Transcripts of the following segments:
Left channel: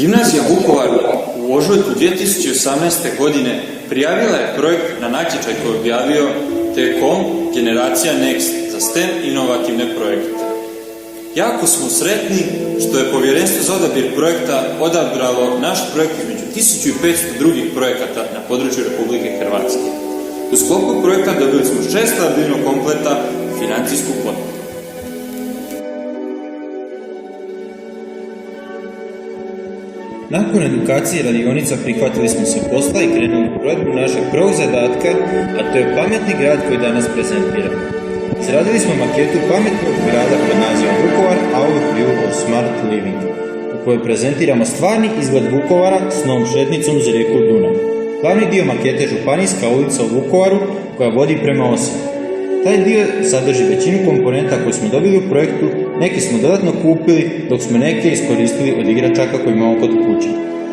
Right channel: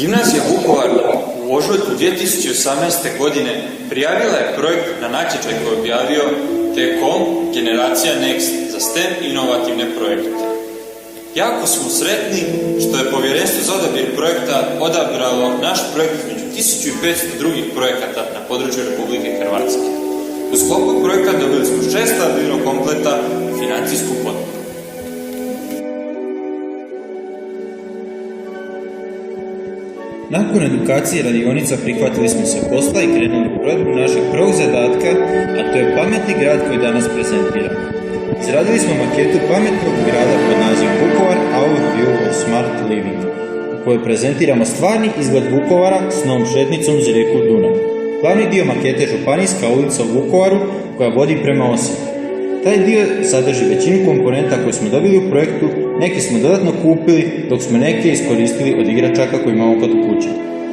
Gimnazija Vukovar u ožujku 2018. godine prijavila je projekt na natječaj koji je objavio T-Com Generacija Next za STEM inovativne projekte. Jako smo sretni što je Povjerenstvo za odabir projekta odabralo naš projekt između 1500 drugih projekata na području Republike Hrvatske. U sklopu projekta dobili smo 6 stabilnog kompleta i financijsku potporu. Nakon edukacije i radionica prihvatili smo se posla i krenuli u provedbu našeg prvog zadatka, a to je pametni grad koji danas prezentiramo. Izradili smo maketu pametnog grada pod nazivom Vukovar Our View of Smart Living, u kojoj prezentiramo stvarni izgled Vukovara s novom šetnicom uz rijeku Dunav. Glavni dio makete je Županijska ulica u Vukovaru koja vodi prema Osijeku. Taj dio sadrži većinu komponenta koje smo dobili u projektu, neke smo dodatno kupili, dok smo neke iskoristili od igračaka koje imamo kod kuće.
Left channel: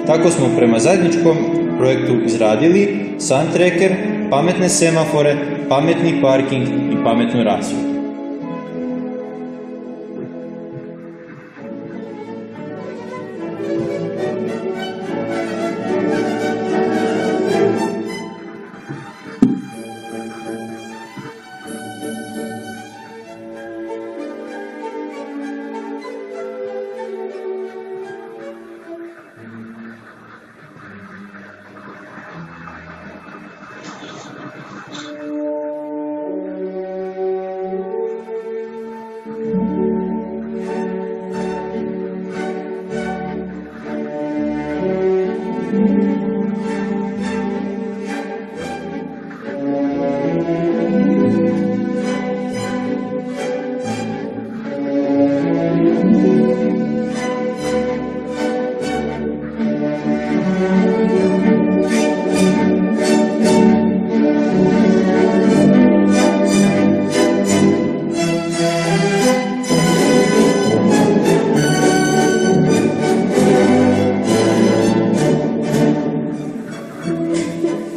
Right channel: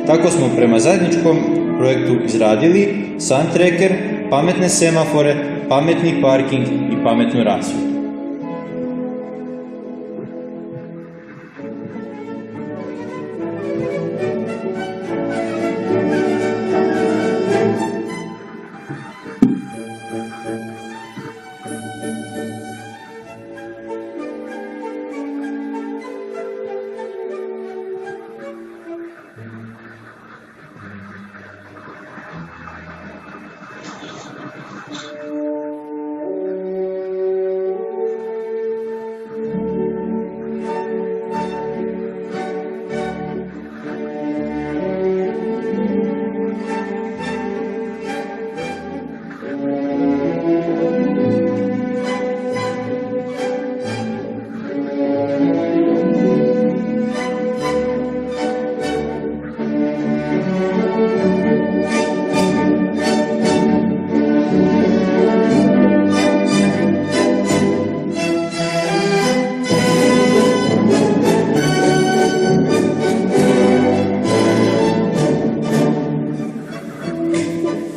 Tako smo prema zajedničkom projektu izradili sun tracker, pametne semafore, pametni parking i pametnu rasvjetu.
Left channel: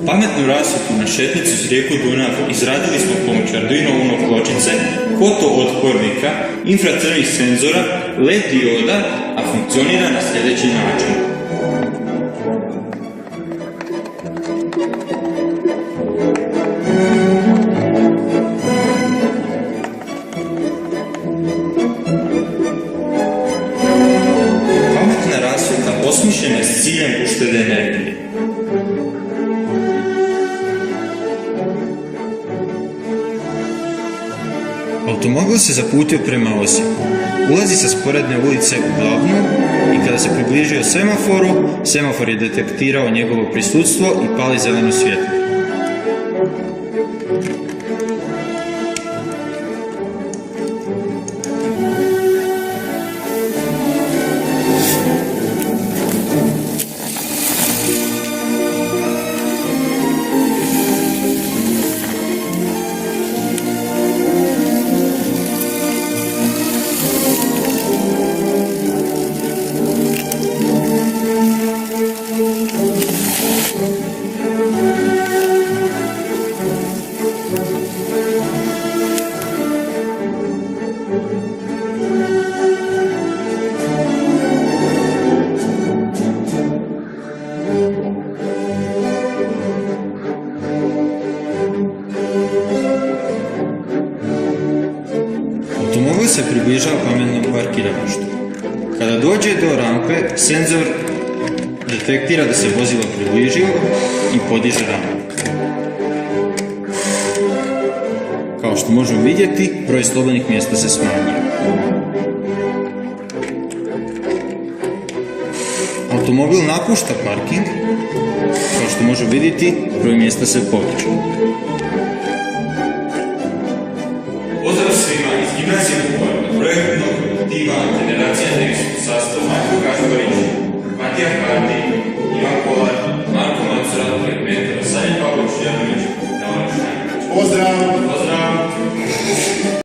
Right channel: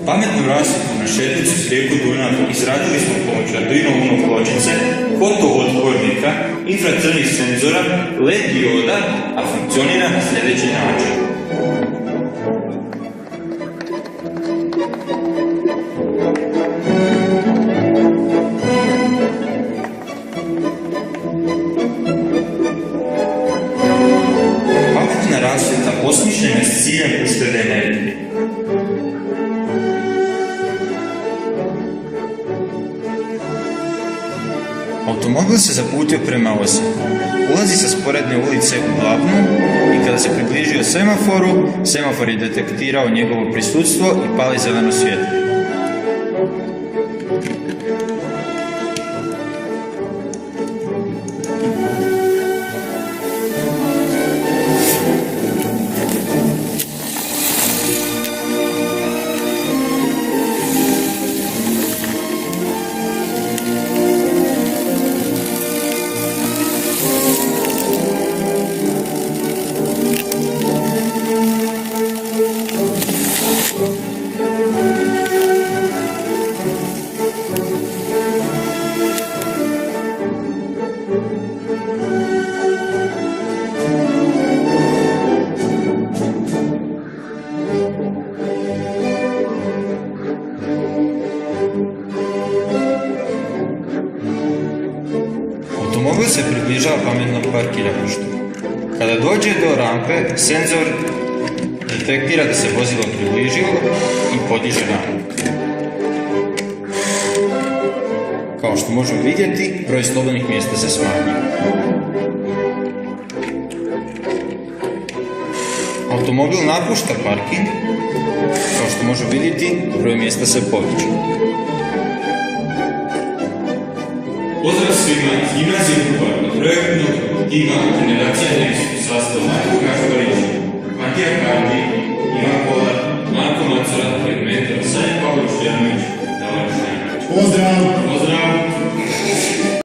Pametnu rasvjetu na šetnicu s rijeku Dunav izradili smo pomoć Arduino Uno pločice, fotootpornika, infracrvenih senzora, LED dioda, a funkcionira na sljedeći način. Pametna rasvjeta osmišljena je s ciljem uštede energije. Automobil se zaputio prema Osijeku. Ulazi sa sporedne ulice u glavnu i kada se približio semaforu, semafor je detektirao njegovo prisustvo i pali zeleno svjetlo. Automobil se približava pametnom parkiralištu. Kada dođe do rampe, senzor detektira da se vozilo približilo i podiže rampu. Kao što možemo vidjeti, broj slobodnih mjesta se smanjuje. Automobil napušta parking. Kao što možemo vidjeti, broj mjesta se povećao. Pozdrav svima iz Gimnazije Vukovar od projektnog tima Generacija Next u sastavu Matko Gašparić, Matija Karti, Ivan Kolar, Marko Macura, mentor Sanja Pavlović, Janović, Navran Šnjanović. Pozdrav! Pozdrav!